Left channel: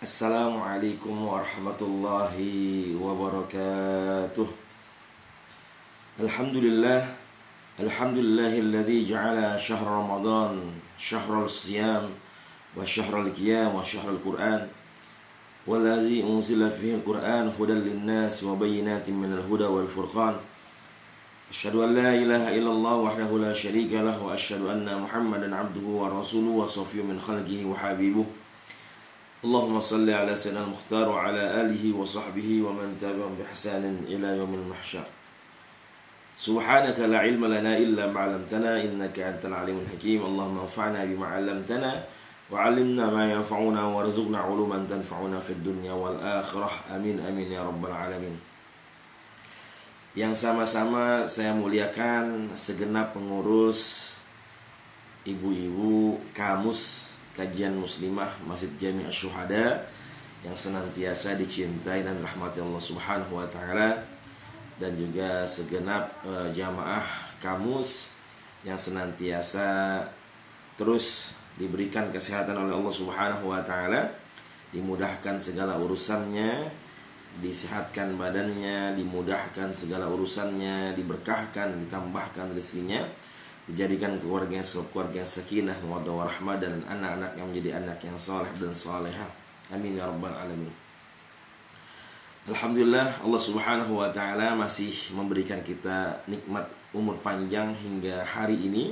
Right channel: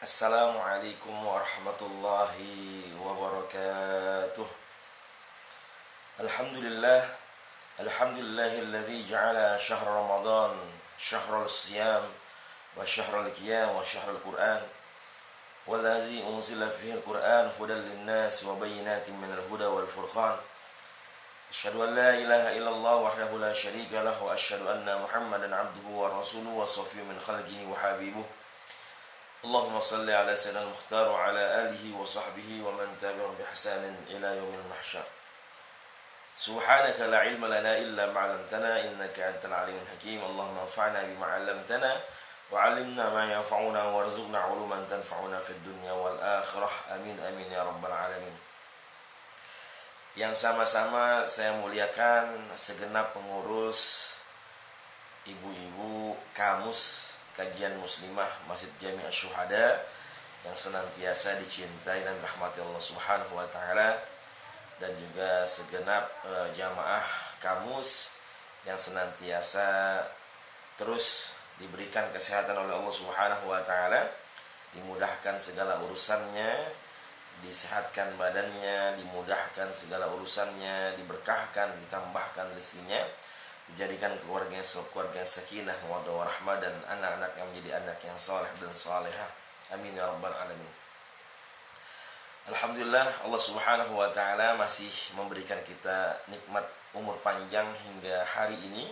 Assalamualaikum warahmatullahi wabarakatuh. Alhamdulillah. Alhamdulillahilladzi ja'ala syahr Ramadan syahrul siyam wa syahrul qiyam wa syahrul Qur'an wallazi unzila fihi al-Qur'an hudan lin-nas wa bayyinatin minal huda wal furqan. Asyhadu an la ilaha illallah wahdahu la syarika lahu wa asyhadu anna Muhammadan abduhu wa rasuluhu wa safiyyun min khalqihi wa habibuh. Allahumma salli ala sayyidina al-mukhtar wa ala alihi wa sahbihi wa man tabi'ahum bi ihsanin ila yaumil mahsyar. Subhanaka la ilma lana illa ma 'allamtana innaka antal alimul hakim. Allahumma anfa'na bima 'allamtana wa 'allimna ma yanfa'una warzuqna 'uluman tanfa'una fid dunya wal akhirah. Amin amin ya rabbal alamin. Yang sama-sama saya muliakan segenap pengurus ibu-ibu kamus kajian muslimah Masjid Jami' Asy-Syuhada yang senantiasa dicintai dan rahmati Allah Subhanahu wa taala, dan juga segenap jamaah kamus yang senantiasa terus diberikan kesehatan oleh Allah Subhanahu wa taala, dimudahkan segala urusannya, disehatkan badannya, dimudahkan segala urusannya, diberkahkan, ditambahkan rezekinya, dijadikan keluarga yang sakinah, mawaddah warahmah, dan anak-anak yang menjadi anak yang saleh dan salehah. Amin ya rabbal alamin. Alhamdulillah, Allah Subhanahu wa taala masih memberikan kita nikmat umur panjang hingga hari ini,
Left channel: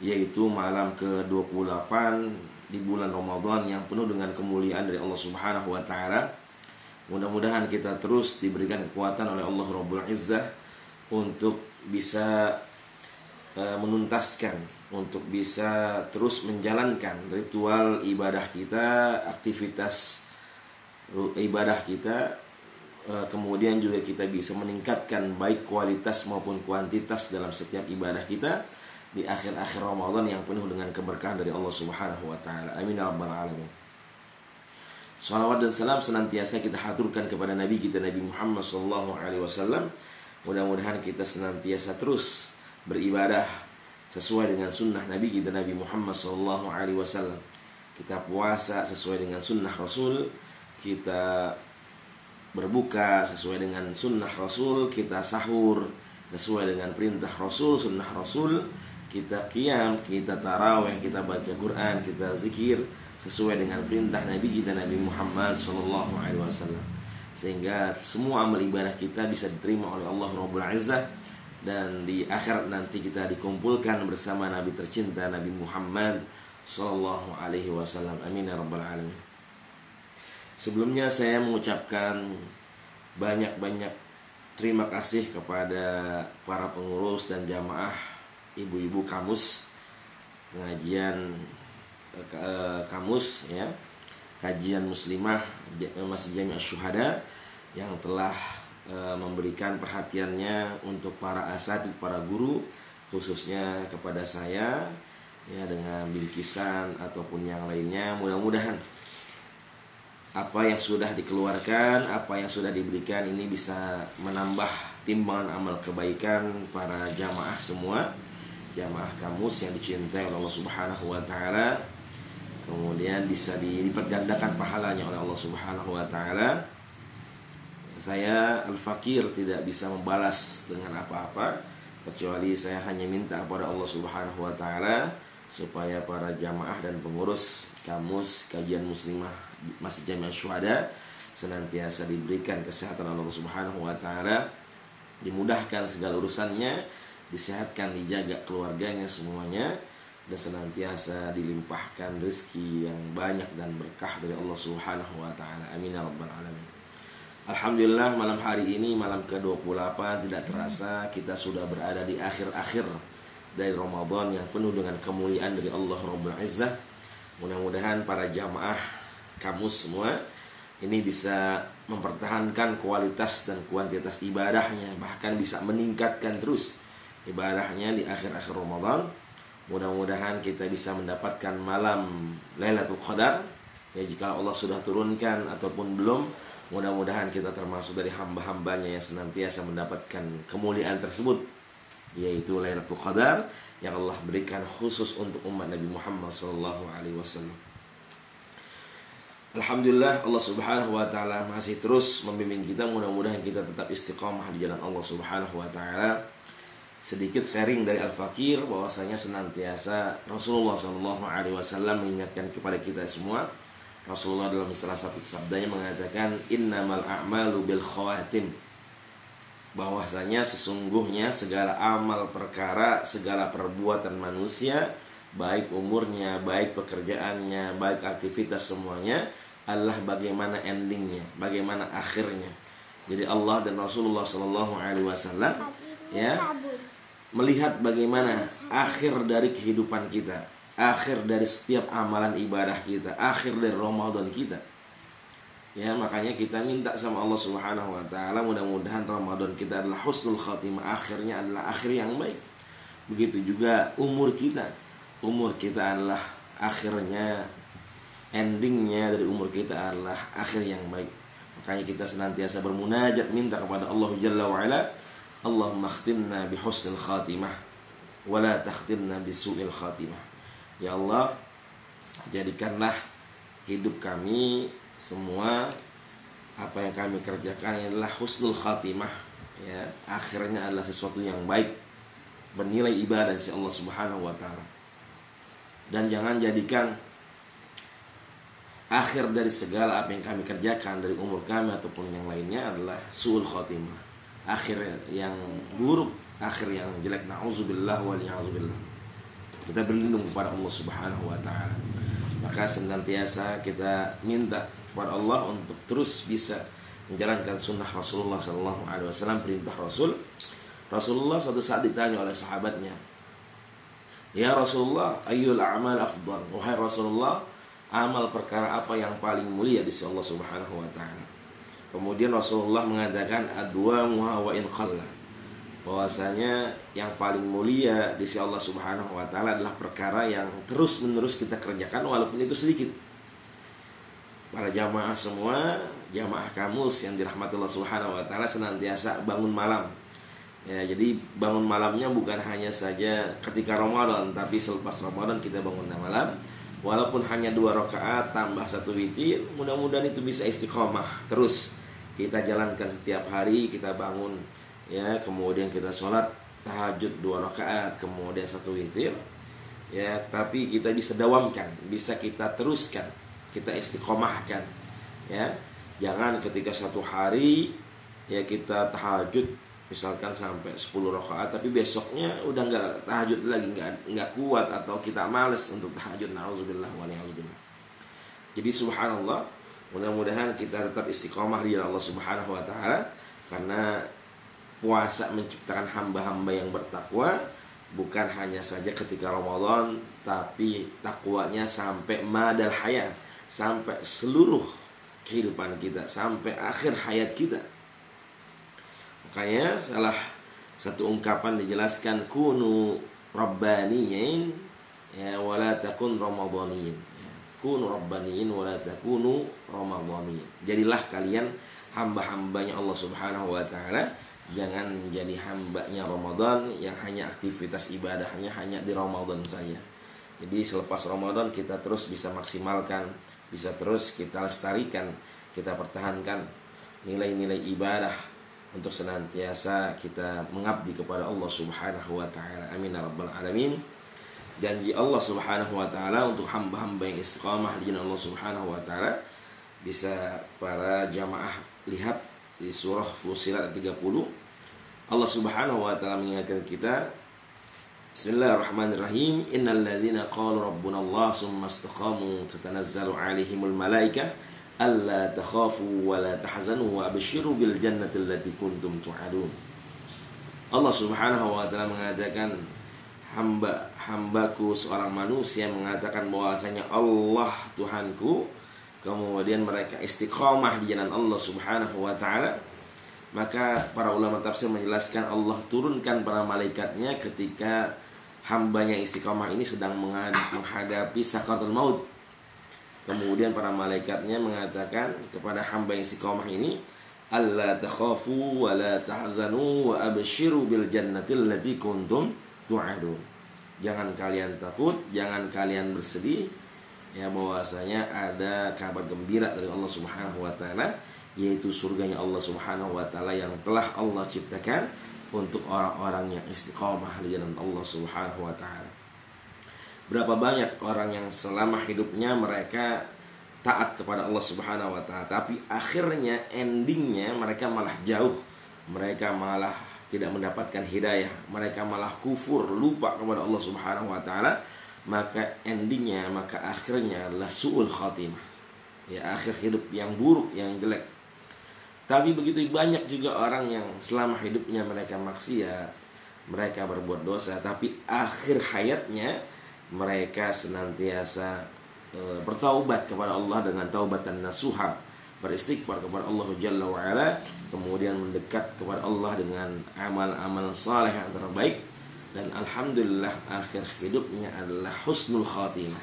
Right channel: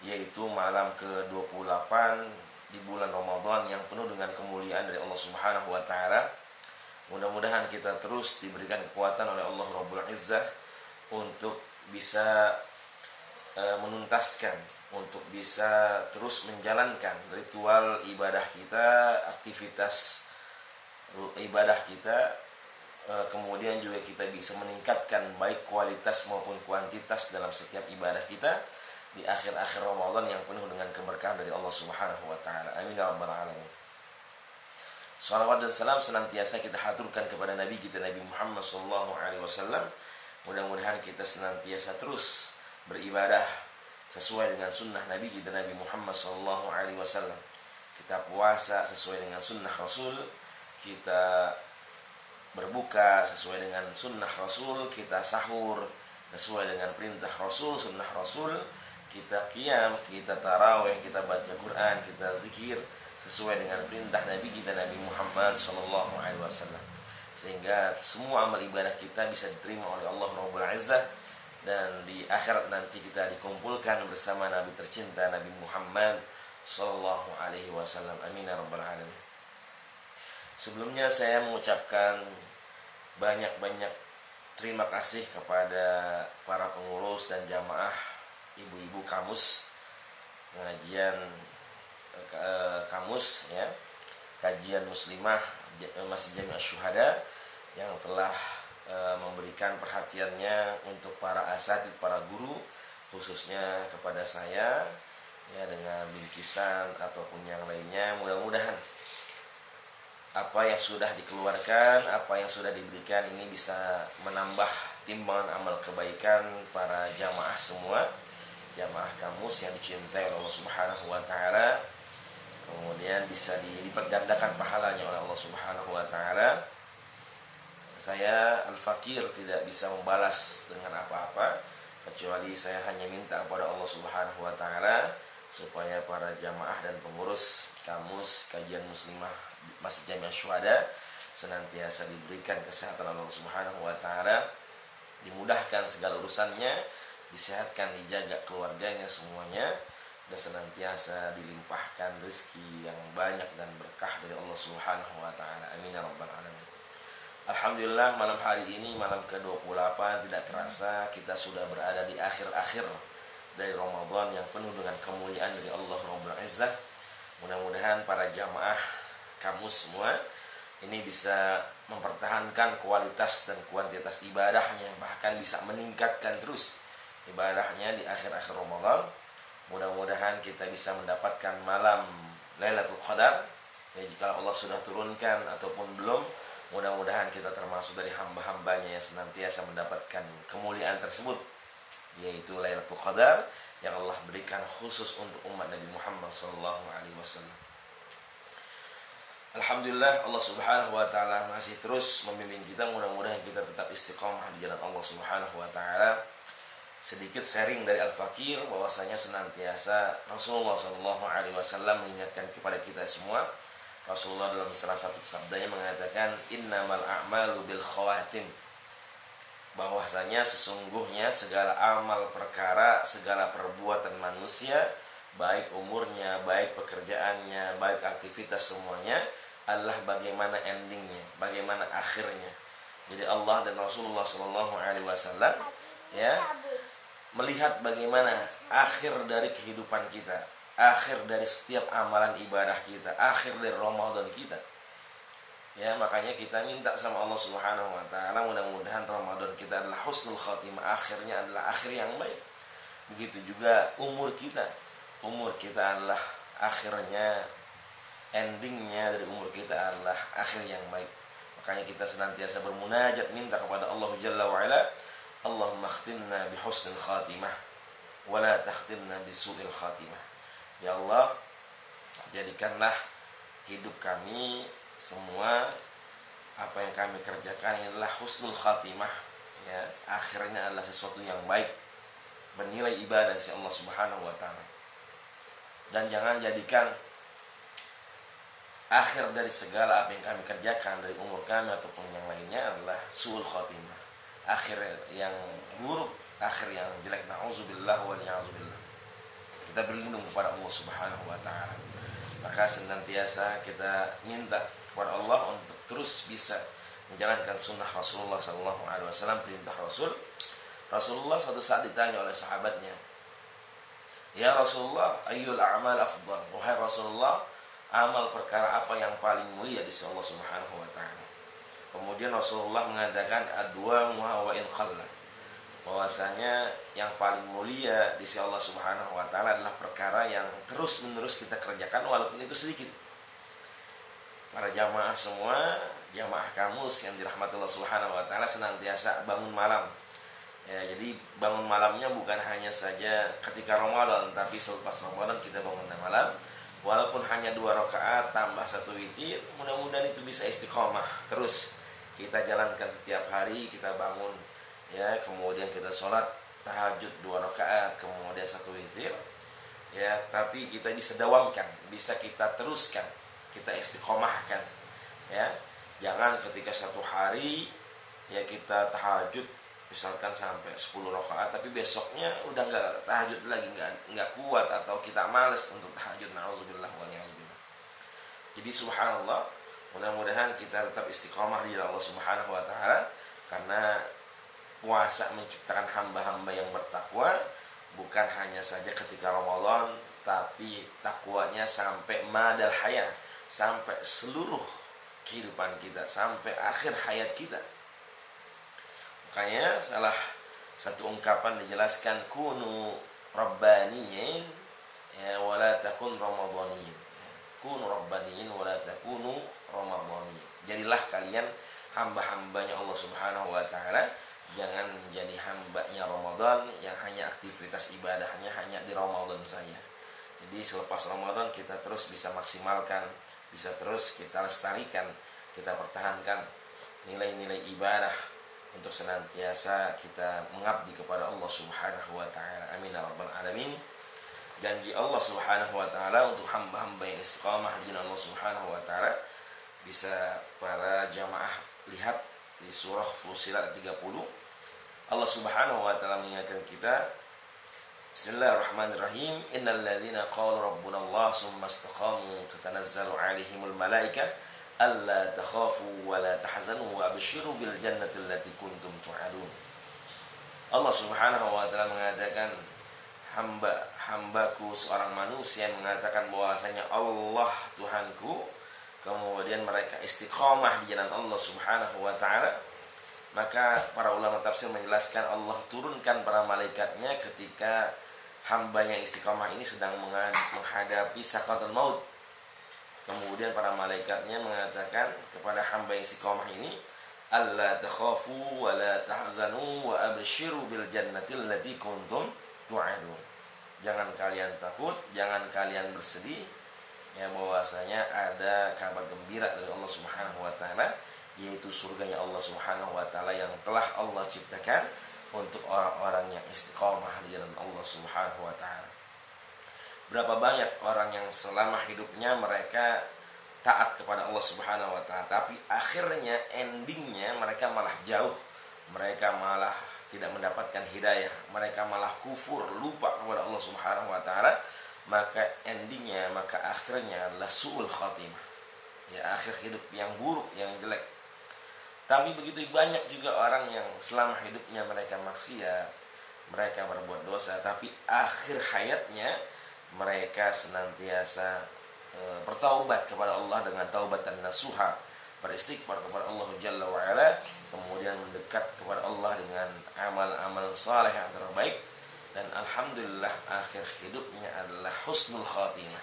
yaitu malam ke-28 di bulan Ramadan yang penuh dengan kemuliaan dari Allah Subhanahu wa taala. Mudah-mudahan kita terus diberikan kekuatan oleh Allah Rabbul Izzah untuk bisa menuntaskan, untuk bisa terus menjalankan ritual ibadah kita, aktivitas ibadah kita, kemudian juga kita bisa meningkatkan baik kualitas maupun kuantitas dalam setiap ibadah kita di akhir-akhir Ramadan yang penuh dengan keberkahan dari Allah Subhanahu wa taala. Amin ya rabbal alamin. Salawat dan salam senantiasa kita haturkan kepada Nabi kita, Nabi Muhammad SAW. Mudah-mudahan kita senantiasa terus beribadah sesuai dengan sunnah Nabi kita, Nabi Muhammad SAW. Kita puasa sesuai dengan sunnah Rasul, kita berbuka sesuai dengan sunnah Rasul, kita sahur sesuai dengan perintah Rasul, sunnah Rasul, kita qiyam, kita tarawih, kita baca Quran, kita zikir sesuai dengan perintah Nabi kita, Nabi Muhammad SAW. Sehingga semua amal ibadah kita bisa diterima oleh Allah Rabbul Izzah, dan di akhirat nanti kita dikumpulkan bersama Nabi tercinta, Nabi Muhammad SAW. Amin ya rabbal alamin. Sebelumnya saya mengucapkan banyak-banyak terima kasih kepada para pengurus dan jamaah ibu-ibu kamus pengajian kamus ya, kajian muslimah Masjid Jami' Asy-Syuhada yang telah memberikan perhatiannya untuk para asatidz, para guru, khususnya kepada saya ya, dengan bingkisan ataupun yang lainnya. Mudah-mudahan apa yang sudah dikeluarkan, apa yang sudah diberikan ini bisa menambah timbangan amal kebaikan para jamaah semua, jamaah kamus yang dicintai oleh Allah Subhanahu wa taala. Kemudian bisa dilipat gandakan pahalanya oleh Allah Subhanahu wa taala. Saya al-fakir tidak bisa membalas dengan apa-apa, kecuali saya hanya minta kepada Allah Subhanahu wa taala supaya para jamaah dan pengurus kamus kajian muslimah Masjid Jami' Asy-Syuhada senantiasa diberikan kesehatan oleh Allah Subhanahu wa taala, dimudahkan segala urusannya, disehatkan, dijaga keluarganya semuanya, dan senantiasa dilimpahkan rezeki yang banyak dan berkah dari Allah Subhanahu wa taala. Amin ya rabbal alamin. Alhamdulillah, malam hari ini, malam ke-28, tidak terasa kita sudah berada di akhir-akhir dari Ramadan yang penuh dengan kemuliaan dari Allah Rabbul Izzah. Mudah-mudahan para jamaah kamus semua ini bisa mempertahankan kualitas dan kuantitas ibadahnya, bahkan bisa meningkatkan terus ibadahnya di akhir-akhir Ramadan. Mudah-mudahan kita bisa mendapatkan malam Lailatul Qadar ya, jika Allah sudah turunkan ataupun belum. Mudah-mudahan kita termasuk dari hamba-hambanya yang senantiasa mendapatkan kemuliaan tersebut, yaitu Lailatul Qadar yang Allah berikan khusus untuk umat Nabi Muhammad SAW. Alhamdulillah Allah Subhanahu wa taala masih terus membimbing kita, mudah-mudahan kita tetap istiqomah di jalan Allah Subhanahu wa taala. Sedikit sharing dari Al-Fakir bahwasanya senantiasa Rasulullah sallallahu alaihi wasallam mengingatkan kepada kita semua. Rasulullah dalam salah satu sabdanya mengatakan innamal a'malu bil khawatim, bahwasanya sesungguhnya segala amal perkara, segala perbuatan manusia, baik umurnya, baik pekerjaannya, baik aktivitas semuanya adalah bagaimana endingnya, bagaimana akhirnya. Jadi Allah dan Rasulullah sallallahu alaihi wasallam ya melihat bagaimana akhir dari kehidupan kita, akhir dari setiap amalan ibadah kita, akhir dari Ramadan kita. Ya, makanya kita minta sama Allah Subhanahu wa taala mudah-mudahan Ramadan kita adalah husnul khatimah, akhirnya adalah akhir yang baik. Begitu juga umur kita. Umur kita adalah akhirnya, endingnya dari umur kita adalah akhir yang baik. Makanya kita senantiasa bermunajat minta kepada Allah Jalla wa Ala, Allahumma khtimna bi husnil khatimah wa la takhtimna bi su'il khatimah. Ya Allah, jadikanlah hidup kami semua, apa yang kami kerjakan adalah husnul khatimah, ya, akhirnya adalah sesuatu yang baik, bernilai ibadah dari Allah Subhanahu wa taala. Dan jangan jadikan akhir dari segala apa yang kami kerjakan dari umur kami ataupun yang lainnya adalah su'ul khatimah, akhir yang buruk, akhir yang jelek. Na'udzubillah wa li'a'udzubillah. Kita berlindung kepada Allah Subhanahu wa taala. Maka senantiasa kita minta kepada Allah untuk terus bisa menjalankan sunnah Rasulullah sallallahu alaihi wasallam, perintah Rasul. Rasulullah suatu saat ditanya oleh sahabatnya, "Ya Rasulullah, ayyul a'mal afdal?" Wahai Rasulullah, amal perkara apa yang paling mulia di sisi Allah Subhanahu wa taala? Kemudian Rasulullah mengatakan adwamuha wa in khalla, bahwasanya yang paling mulia di sisi Allah Subhanahu wa taala adalah perkara yang terus-menerus kita kerjakan walaupun itu sedikit. Para jamaah semua, jamaah kamus yang dirahmati Allah Subhanahu wa taala, senantiasa bangun malam. Ya, jadi bangun malamnya bukan hanya saja ketika Ramadan, tapi selepas Ramadan kita bangun malam. Walaupun hanya 2 rakaat tambah 1 witir, mudah-mudahan itu bisa istiqomah terus kita jalankan setiap hari. Kita bangun, ya, kemudian kita sholat tahajud 2 rakaat, kemudian 1 witir, ya, tapi kita bisa dawamkan, bisa kita teruskan, kita istiqomahkan, ya. Jangan ketika satu hari, ya, kita tahajud misalkan sampai 10 rakaat, tapi besoknya udah nggak tahajud lagi, nggak kuat, atau kita males untuk tahajud. Na'udzubillah wa li'a'udzubillah. Jadi subhanallah, mudah-mudahan kita tetap istiqomah di Allah Subhanahu wa taala, karena puasa menciptakan hamba-hamba yang bertakwa, bukan hanya saja ketika Ramadan, tapi takwanya sampai madal hayat, sampai seluruh kehidupan kita, sampai akhir hayat kita. Makanya salah satu ungkapan dijelaskan, kunu rabbaniyin, ya, wala takun ramadhaniyin. Kunu rabbaniyin wala takunu ramadhaniyin. Jadilah kalian hamba-hambanya Allah Subhanahu wa taala, jangan menjadi hambanya Ramadan yang hanya aktivitas ibadahnya hanya di Ramadan saja. Jadi selepas Ramadan kita terus bisa maksimalkan, bisa terus kita lestarikan, kita pertahankan nilai-nilai ibadah untuk senantiasa kita mengabdi kepada Allah Subhanahu wa taala. Amin ya rabbal alamin. Janji Allah Subhanahu wa taala untuk hamba-hamba yang istiqamah di jalan Allah Subhanahu wa taala, bisa para jamaah lihat di surah Fussilat 30. Allah Subhanahu wa taala mengingatkan kita, Bismillahirrahmanirrahim, innal ladzina qalu rabbuna Allah tsumma istaqamu tatanazzalu 'alaihimul malaikah alla takhafu wa la tahzanu wa abshiru bil jannati allati kuntum tu'adun. Allah Subhanahu wa taala mengatakan, hambaku seorang manusia mengatakan bahwasanya Allah Tuhanku, kemudian mereka istiqamah di jalan Allah Subhanahu wa taala, maka para ulama tafsir menjelaskan Allah turunkan para malaikatnya ketika hambanya istiqamah ini sedang menghadapi sakaratul maut. Kemudian para malaikatnya mengatakan kepada hamba yang istiqamah ini, alla takhafu wa la tahzanu wa abshiru bil jannati allati kuntum tu'adun. Jangan kalian takut, jangan kalian bersedih, ya, bahwasanya ada kabar gembira dari Allah Subhanahu wa taala, yaitu surganya Allah Subhanahu wa taala yang telah Allah ciptakan untuk orang-orang yang istiqomah di jalan Allah Subhanahu wa taala. Berapa banyak orang yang selama hidupnya mereka taat kepada Allah Subhanahu wa taala, tapi akhirnya endingnya mereka malah jauh, mereka malah tidak mendapatkan hidayah, mereka malah kufur, lupa kepada Allah Subhanahu wa taala. Maka endingnya, maka akhirnya adalah su'ul khatimah, ya, akhir hidup yang buruk, yang jelek. Tapi begitu banyak juga orang yang selama hidupnya mereka maksiat, mereka berbuat dosa, tapi akhir hayatnya mereka senantiasa bertaubat kepada Allah dengan taubatan nasuha, beristighfar kepada Allah Jalla wa'ala, kemudian mendekat kepada Allah dengan amal-amal saleh yang terbaik. Dan alhamdulillah akhir hidupnya adalah husnul khatimah,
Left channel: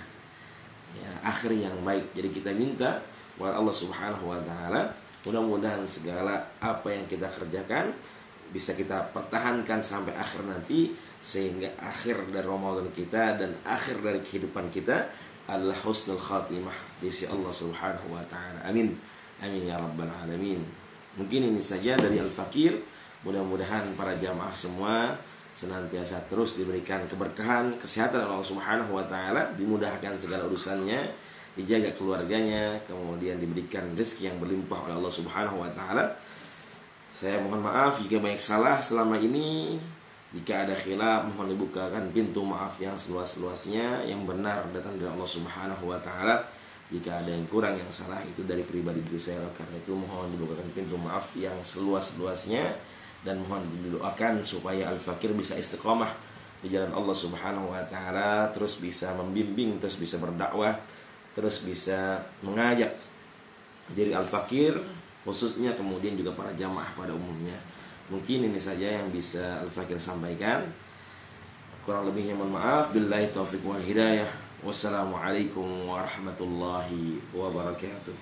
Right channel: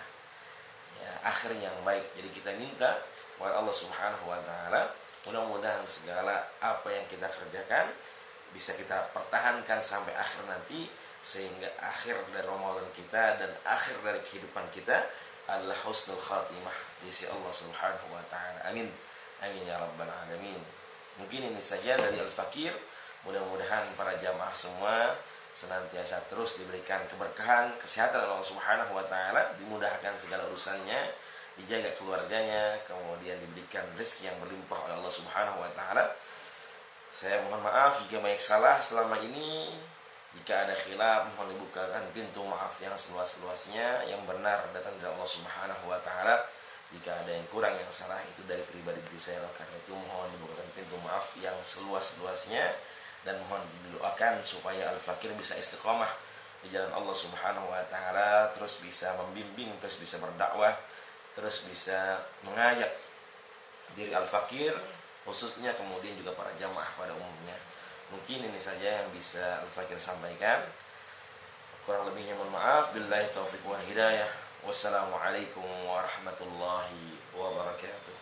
ya, akhir yang baik. Jadi kita minta kepada Allah Subhanahu wa taala, mudah-mudahan segala apa yang kita kerjakan bisa kita pertahankan sampai akhir nanti, sehingga akhir dari Ramadan kita dan akhir dari kehidupan kita adalah husnul khatimah di sisi Allah Subhanahu wa taala. Amin. Amin ya rabbal alamin. Mungkin ini saja dari Al-Fakir. Mudah-mudahan para jamaah semua senantiasa terus diberikan keberkahan, kesehatan Allah Subhanahu wa taala, dimudahkan segala urusannya, dijaga keluarganya, kemudian diberikan rezeki yang berlimpah oleh Allah Subhanahu wa taala. Saya mohon maaf jika banyak salah selama ini. Jika ada khilaf, mohon dibukakan pintu maaf yang seluas-luasnya. Yang benar datang dari Allah Subhanahu wa taala. Jika ada yang kurang, yang salah, itu dari pribadi diri saya. Karena itu mohon dibukakan pintu maaf yang seluas-luasnya. Dan mohon didoakan supaya Al-Fakir bisa istiqomah di jalan Allah Subhanahu wa taala, terus bisa membimbing, terus bisa berdakwah, terus bisa mengajak diri Al-Fakir khususnya, kemudian juga para jamaah pada umumnya. Mungkin ini saja yang bisa Al-Fakir sampaikan. Kurang lebihnya mohon maaf. Billahi taufiq wal hidayah. Wassalamualaikum warahmatullahi wabarakatuh.